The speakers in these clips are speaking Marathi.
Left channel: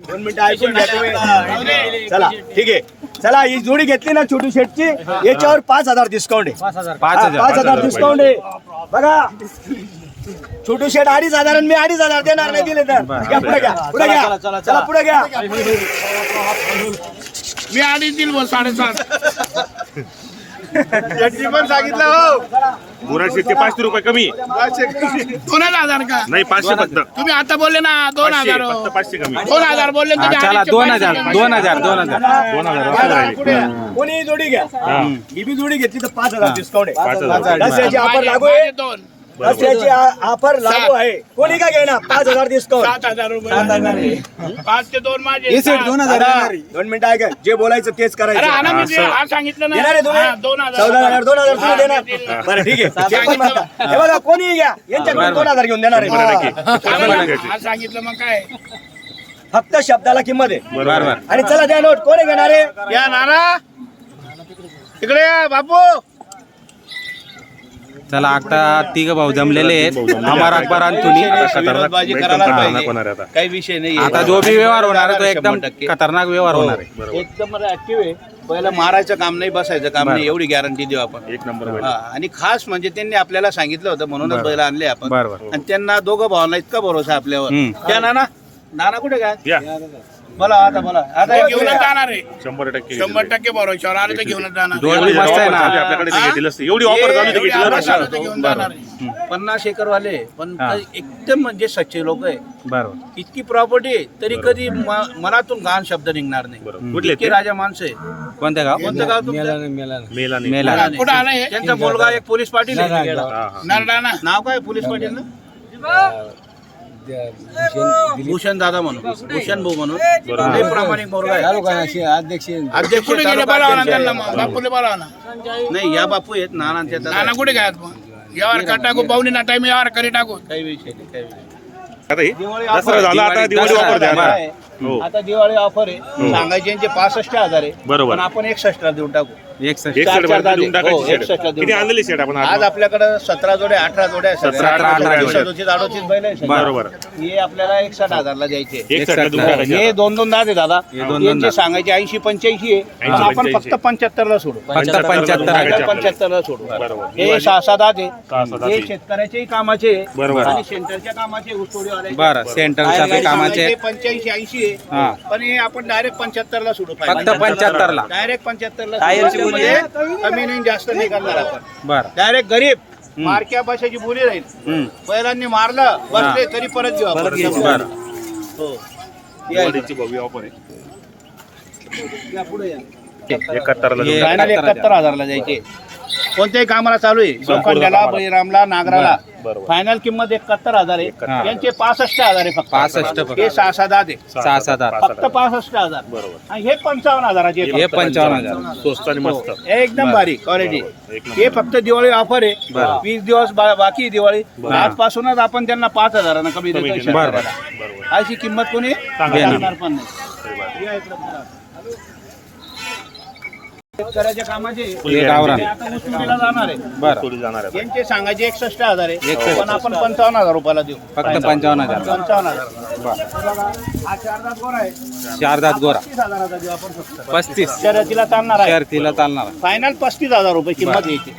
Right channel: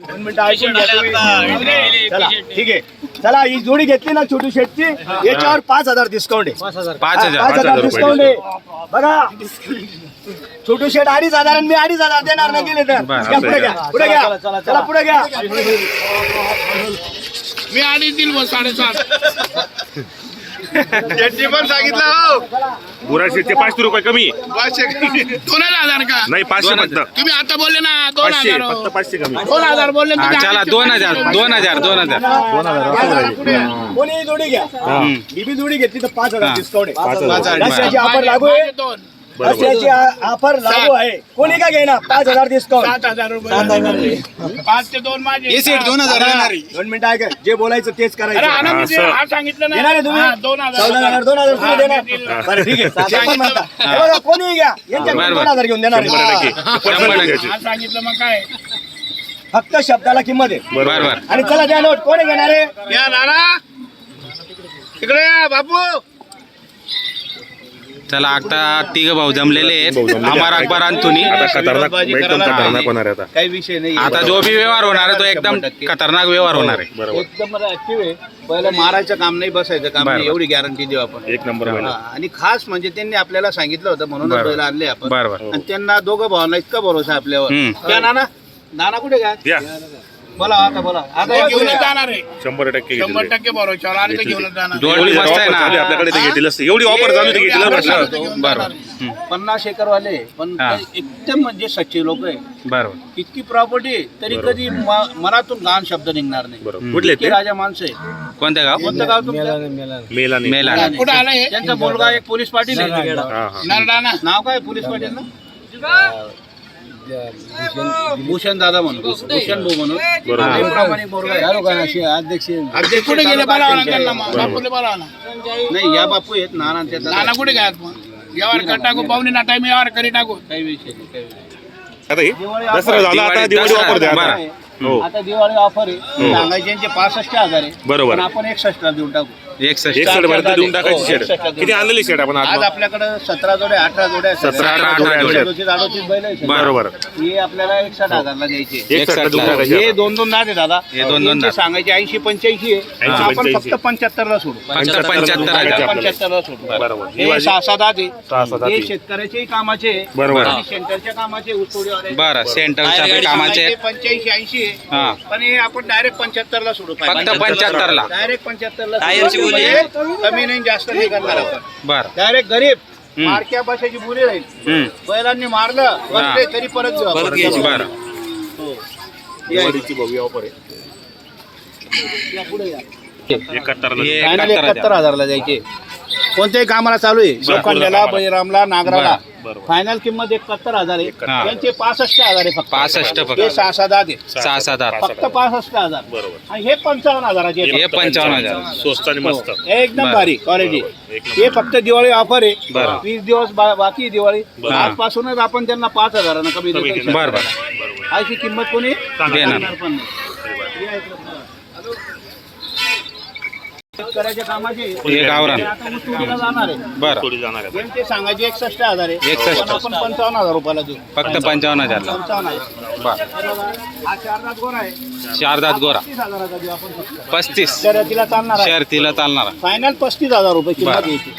दोन मिनिटं ऐकून घ्या तुम्ही. चला ठीक आहे. चला ही जोडी घेतली ना छोटू शेटची याच्यावर पाच हजार डिस्काउंट आहे. पाच पाच हजार डिस्काउंट आहे. बघा छोटू शेट अडीच हजार आणि मी अडीच हजार देणार नाही दिले तर. पुढे घ्या पुढे घ्या. चला पुढे घ्या. मी अडीच दिल व साडेसात. यांनी पण सांगितलं हो. बुराशे ते पाचशे रुपये कमी दोन हजार का? नाही पाचशे फक्त. तुम्ही आता बोलले ना दोन पाचशे हजार फक्त पाचशे कमी. दोन हजार बोलले हा तुम्ही चला दोन पाचशे हजार दोन हजार. दोन हजार दोन हजार असं राहील. कोणी जोडी घ्या. बीबी जोडी घेतली तर पाच हजार हा. डिस्काउंट पाच आहे हजार. ऑफर माझे- लागू आहे. दोन. दसऱ्याची ऑफर लागू आहे कोणी का घेईना? पाच हजार डिस्काउंट सात हजार रुपये. पाच ते दोन माझे. दोन दोन मिनिटं ऐका जे बोलायचं तेच अरे करायचं हा सांगितलं देणार आहे तुम्ही? हा, दोन हजार. चौदा हजार दोन हजार तुम्ही देणार. बरं ठीक आहे. ते पण म्हणता. हे बघा कोणी घ्या. बरं, दोन हजार घेऊन देणार आहे. शंभर टक्के. हा सांगितलं मग काय? फक्त शब्दाला किंमत आहे. बर बर. आणि चला द्या नोट. कोणी घेणार आहे? या नाना. इकडे या बापू. चला आता तिघ भाऊ जमलेले आहेत. अमर अकबर आहे आता. काही विषय नाही. आता जो बी व्यवहार होणार आहे तो एकदम खतरनाक व्यवहार होणार आहे. एकदम ऍक्टिव्ह आहे. पहिलं मारायचं काम नाही बसायचं काम नाही. एवढी गॅरंटी देऊ आपण. एक नंबर हा, आणि खास म्हणजे त्यांनी आपल्याला सांगितलं होतं म्हणूनच बरं. बैल आणले आपण. बर बर आणि त्यांना दोघं भावांना इतका भरोसा आपल्यावर. त्या नाना नाना कुठे काय बोला आता बोला. आता घेऊनच जाणार आहे. शंभर टक्के शंभर. टक्के बरोबर आले तर घेऊनच जाणार. जोड बी मस्त आहे ना. आपल्याकडे ते. एवढी ऑफर झाली तर घेतलं बरोबर. हम्म. पन्नास एकर वाले पण हा. ते एकदम म्हणजे सच्चे लोक आहे. बरोबर इतकी प्रॉपर्टी तरी कधी म- मनातून घाण शब्द निघणार नाही. बरोबर कुठले इतके ते? राजा माणसं आहे कोणत्या गाव? कोणतं गाव तुमचं? मेला नाही. मेला कुठं आलंय हे? त्यांचा मुलगा एक पोलीस पाटील आहे. हा, हा. नरडाणा नाव काय पोलीस पाटील ना भूषण दादा म्हणून. भूषण भाऊ म्हणून. लय प्रामाणिक पोरगा आहे. अध्यक्ष? कुठे गेले? बोलावा ना त्यांना मग बापूले बोलावा ना नाही या बापू आहेत नाना आणि त्या दादा. नाना कुठे काय मग? यावर कर टाकू पाहुणे ना टाइम यावर करी टाकू. काही विषय नाही काही विषय नाही. आता हे दिवाळी दसरा झाला आता दिवाळी- द्या बरं. हो. आता दिवाळी ऑफर आहे सांगायचे यांचे पासष्ट हजार आहे बरोबर. पण आपण एकसष्ट ला देऊन टाकू एकसष्ट देऊन टाकायची हो, शेड एक सेट किती आणलेली शेड आपण आज आज आपल्याकडे सतरा जोड्या अठरा जोड्या आहेत. सतरा, अठरा जोड्या. अडोतीस अडोतीस बैल आहे सगळे. बरोबर हे आपल्याला एकसष्ट हजारला द्यायचे देऊन. टाकायची हे. दोन दोन आहे दादा हे दोन दोन यांचे. सांगायचे ऐंशी पंच्याऐंशी आहे पण आपण 85. फक्त पंच्याहत्तर ला सोडू फक्त पंच्याहत्तर हजार पंच्याहत्तर ला सोडू बरोबर. हे सहा सहा दात आहे हे. शेतकऱ्याच्याही कामाचे आहे. बरोबर. आणि सेंटरच्या कामाचे ऊसतोडीवाल्याचे. बरं सेंटरच्या कामाचे आहेत. पंच्याऐंशी ऐंशी आहे हा. पण हे आपण डायरेक्ट पंच्याहत्तर ला सोडू फक्त पंच्याहत्तर ला डायरेक्ट पंच्याहत्तर ला सोडू. म्हणजे कमी नाही जास्त नाही करणार आपण. बर. डायरेक्ट गरीब हम्म. मारक्या भाषेची बोली राहील. हम्म. बैलांनी मारलं बसले तरी परत घेऊ आपण. बर. हो. आहे. या पुढे या. एकाहत्तर हे एकाहत्तर हजारला द्यायचे कोणत्याही कामाला चालू आहे. बळीरामला नागराला. फायनल किंमत एकाहत्तर हजार. आहे यांचे पासष्ट हजार आहे फक्त पासष्ट फक्त. हे सहा सहा दहा आहे सहा सात आठ फक्त पासष्ट हजार बरोबर आणि हे पंचावन्न हजाराचे हे फक्त. पंचावन्न हजार स्वस्त आणि मस्त हे एकदम. भारी क्वालिटी बरोबर. एक हे फक्त दिवाळी ऑफर आहे बरं. वीस दिवस बा- बाकी आहे दिवाळी बरं. आजपासूनच आपण त्यांना पाच हजारानं कमी कमी देतो केलं. बर बर अशी किंमत कोणी देणार. सांगणार पण नाही या इकडं पुढं. शेतकऱ्याच्या कामाचे. हे गावरान ते आता ऊसतोडीला जाणार आहे. बर. थोडी जाणार आहे. यांचे सांगायचे एकसष्ट हजार आहे. 61. पण आपण पंचावन्न हजार रुपयाला देऊ. फक्त पंचावन्न हजार पंचावन्न हजार. बर. हा चार दात गोरा आहे. चार दात गोरा. तीस हजाराचा देऊ आपण फक्त. पस्तीस. शर्यतीला चालणार आहे. शर्तीला चालणार फायनल पस्तीस हजार रुपये किंमत बरं. यायची.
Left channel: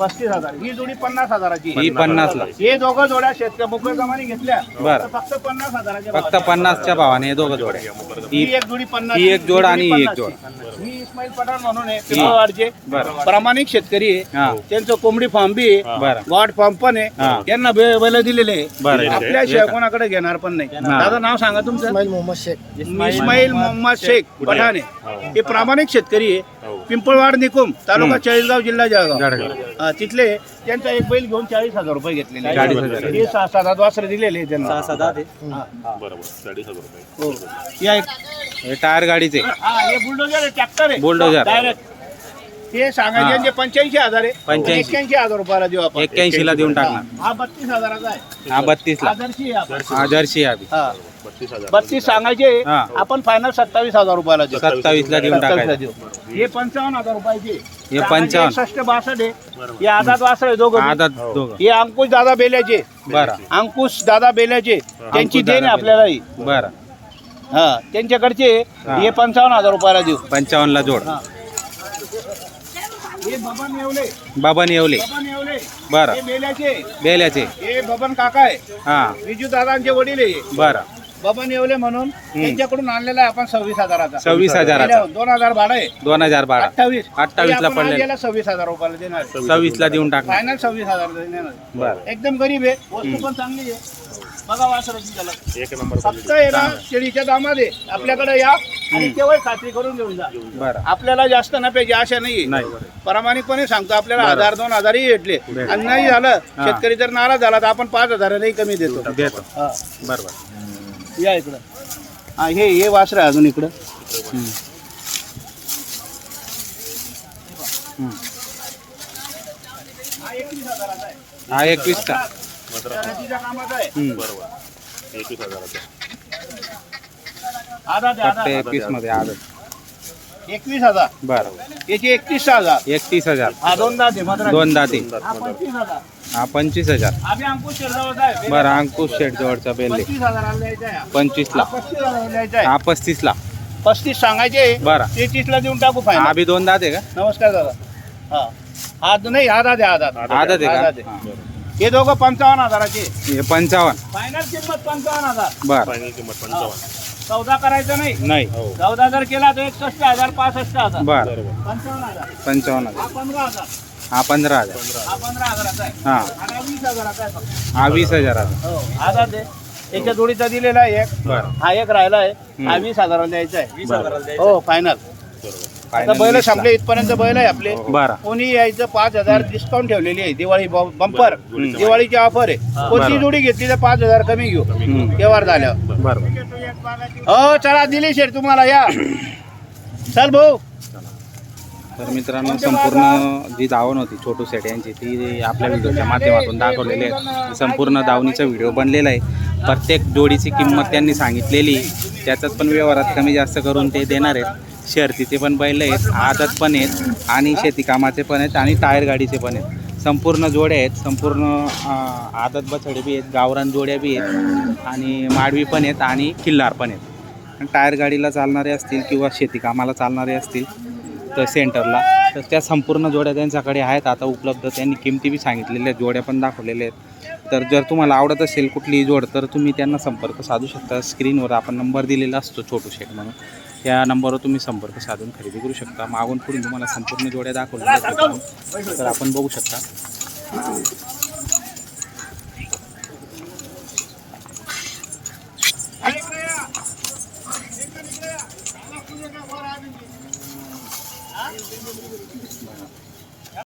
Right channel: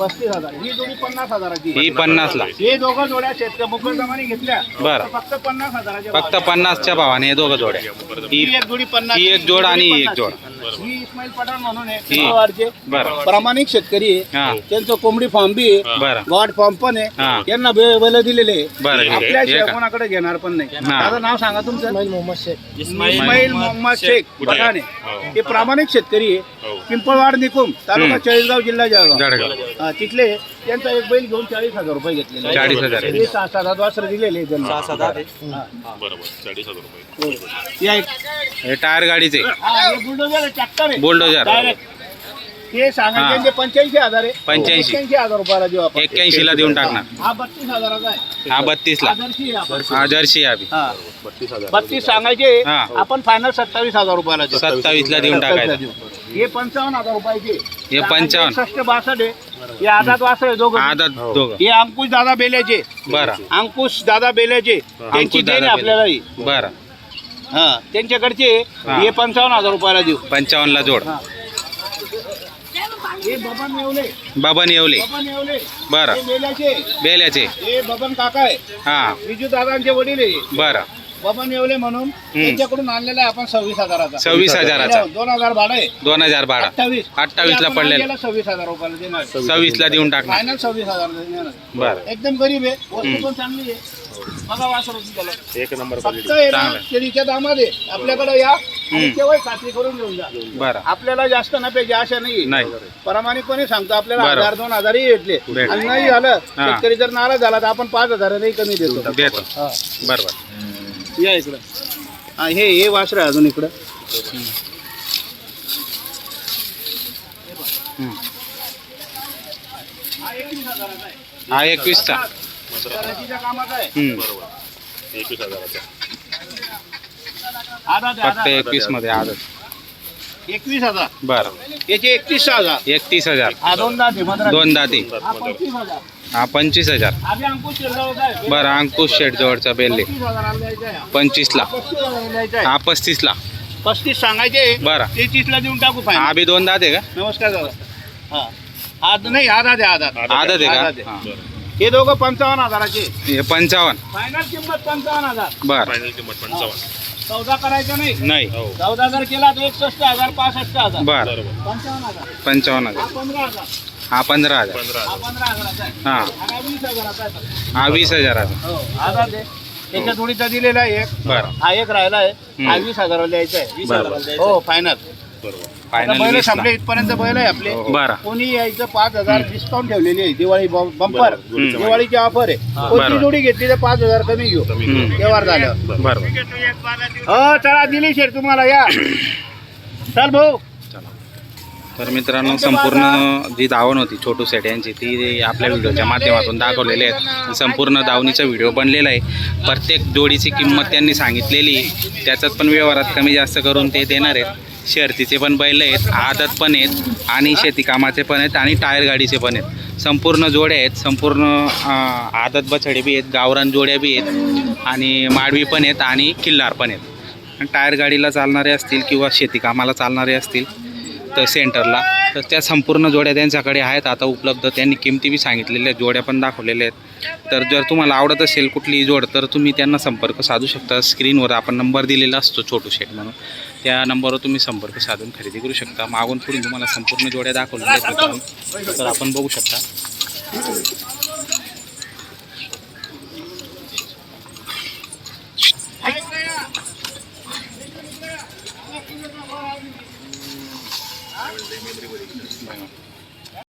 पस्तीस हजार. ही जोडी पन्नास हजाराची ही पन्नास ला. हे दोघं जोड्या शेतकऱ्या मोकळ्या जमाने घेतल्या. बरं. तर फक्त पन्नास हजाराच्या फक्त पन्नासच्या भावाने हे दोघं जोड्या. ही ही एक जोडी पन्नास ही एक जोड आणि ही एक जोड. ही इस्माईल पठाण म्हणून आहे पिंपळवाडचे बरं प्रामाणिक शेतकरी आहे हा त्यांचं कोंबडी फार्म बी आहे गॉड फार्म पण हा. आहे त्यांना बे- बैल दिलेले आहे. बरं हे- आपल्याशिवाय का? कोणाकडे घेणार पण नाही हा. माझं नाव सांगा तुमचं इस्माईल मोहम्मद शेख शेख. पठाणे हो. हे प्रामाणिक शेतकरी आहे हो. पिंपळवाड निकुम तालुका हम्म. चाळीसगाव जिल्हा जळगाव हा, तिथले त्यांचा एक बैल घेऊन चाळीस हजार रुपये घेतलेले आहे. 40,000 आहे. हे सहा सात वासर दिलेले आहे त्यांना हा. बरोबर चाळीस हजार रुपये हो. या एक हे टायर गाडीचे. हा हे बुलडोजर ट्रॅक्टर आहे. बुलडोजर. डायरेक्ट ते हा. सांगायचे पंच्याऐंशी हजार आहे. 85. एक्क्याऐंशी हजार रुपयाला देऊ आपण. एक्क्याऐंशी ला देऊन टाकणार. हा बत्तीस हजाराचा आहे. हा बत्तीस ला. आदर्शी आहे आपण. हा जर्सी आहे हा. बत्तीस सांगायचे हा. आपण फायनल सत्तावीस हजार रुपयाला देऊ. सत्तावीस ला देऊन 27 ला टाकायचं. देऊ. हे पंचावन्न हजार रुपयाचे. हे 55. सष्ट बासष्ट आहे. हे आझाद वासर आहे दोघं. दोघं. हे अंकुश दादा बेल्याचे. बरं. अंकुश दादा बेल्याचे. त्यांची अंकुश देण दादा आहे आपल्याला ही बरं. हा त्यांच्याकडचे हा. पंचावन्न हजार रुपयाला देऊ. पंचावन्नला जोड. हे. बबन येवले बाबन येवले बबन येवले बरं. बेल्याचे बेल्याचे हे बबन काका आहे. हा. विजू दादांचे वडील आहे. बरं. बबन येवले म्हणून त्यांच्याकडून आणलेला आहे आपण सव्वीस हजाराचा. सव्वीस हजाराचा. दोन हजार भाडं आहे. दोन हजार बारा अठ्ठावीस. अठ्ठावीसला आपण पडलेलं. आणलेला सव्वीस हजार रुपयाला देणार सव्वीसला देऊन टाकणार. फायनल सव्वीस हजार देणार बरं. एकदम गरीब आहे. वस्तू पण चांगली आहे. बघा वासराची त्याला एक नंबर फक्त आहे ना शेळीच्या दामामध्ये आपल्याकडे या आणि केव्हा खात्री करून घेऊन जा. बरं. आपल्याला जास्त नफ्याची आशा नाही. नाही. प्रामाणिकपणे सांगतो आपल्याला बरं. हजार दोन हजारही भेटले. भेटले. आणि नाही झालं हा. शेतकरी जर नाराज झाला तर आपण पाच हजारांनी कमी देतो. देतो. हा. बरोबर. या इकडं. हा हे हे वासर आहे अजून इकडं. हा एकवीसचा. एकवीस हजाराचा फक्त. एकवीसमध्ये आदत. एकवीस हजार. बरं. याचे एकतीस हजार. एकतीस हजार. दोन दात हा पंचवीस हजार. पंचवीस बरं अंकुश शेट जवळचा बेल्ले. द्यायचा आहे. हा. पस्तीस पस्तीसला पस्तीस सांगायचे. बरं. तेहतीसला देऊन टाकू हा बी दोन दात का? नमस्कार दादा. हा. हा नाही आधा द्या आधा आधा का? द्या. हा. दोघं पंचावन्न हजाराचे. हे पंचावन्न. फायनल किंमत पंचावन्न हजार. बरं. फायनल किंमत पंचावन्न. चौदा करायचं नाही. नाही. हो. चौदा जर केला तर एकसष्ट हजार पासष्ट हजार. बरं. बरोबर. पंचावन्न हजार. पंचावन्न हा हजार पंधरा हजार. हा पंधरा हजार. पंधरा हा पंधरा हजाराचा आहे. हा. आणि हा वीस हजाराचा आहे. फक्त. हा वीस हजाराचा. हो. हजार दे त्याच्या जोडीचा दिलेला आहे एक. बरं. हा एक राहिला आहे. हा. वीस हजाराला द्यायचा आहे. वीस बरं. हजाराला द्यायचा हो फायनल बरोबर. फायनल बैल संपले इथपर्यंत बैल आहे आपले. बरं. कोणी यायचं पाच हजार डिस्काउंट ठेवलेली आहे दिवाळी बंपर. दिवाळीची ऑफर आहे. कोणती. जोडी घेतली तर पाच हजार कमी घेऊ. व्यवहार झाल्यावर बरोबर. हो चला दिली शेर तुम्हाला या. चल भाऊ. तर मित्रांनो संपूर्ण जी दावण होती छोटू सेट यांची ती आपल्या व्हिडिओच्या माध्यमातून दाखवलेली आहे. संपूर्ण दावणीचा व्हिडिओ बनलेला आहे. प्रत्येक जोडीची किंमत त्यांनी सांगितलेली त्याच्यात पण व्यवहारात कमी जास्त करून ते देणार आहेत. शर्तीचे पण बैल आहेत आदत पण आहेत आणि शेतीकामाचे पण आहेत आणि टायर गाडीचे पण आहेत. संपूर्ण जोड्या आहेत संपूर्ण आदत बछडे बी आहेत गावरान जोड्या बी आहेत आणि माडवी पण आहेत आणि किल्लार पण आहेत. टायर गाडीला चालणारे असतील किंवा शेतीकामाला चालणारे असतील तर सेंटरला तर त्या संपूर्ण जोड्या त्यांच्याकडे आहेत. आता उपलब्ध त्यांनी किमती बी सांगितलेल्या आहेत जोड्या पण दाखवलेल्या आहेत. तर जर तुम्हाला आवडत असेल कुठलीही जोड तर तुम्ही त्यांना संपर्क साधू शकता. स्क्रीनवर आपण नंबर दिलेला असतो छोटू शेट म्हणून. त्या नंबरवर तुम्ही संपर्क साधून खरेदी करू शकता. मागून पुढून तुम्हाला संपूर्ण जोड्या दाखवलेल्या तर आपण बघू शकता.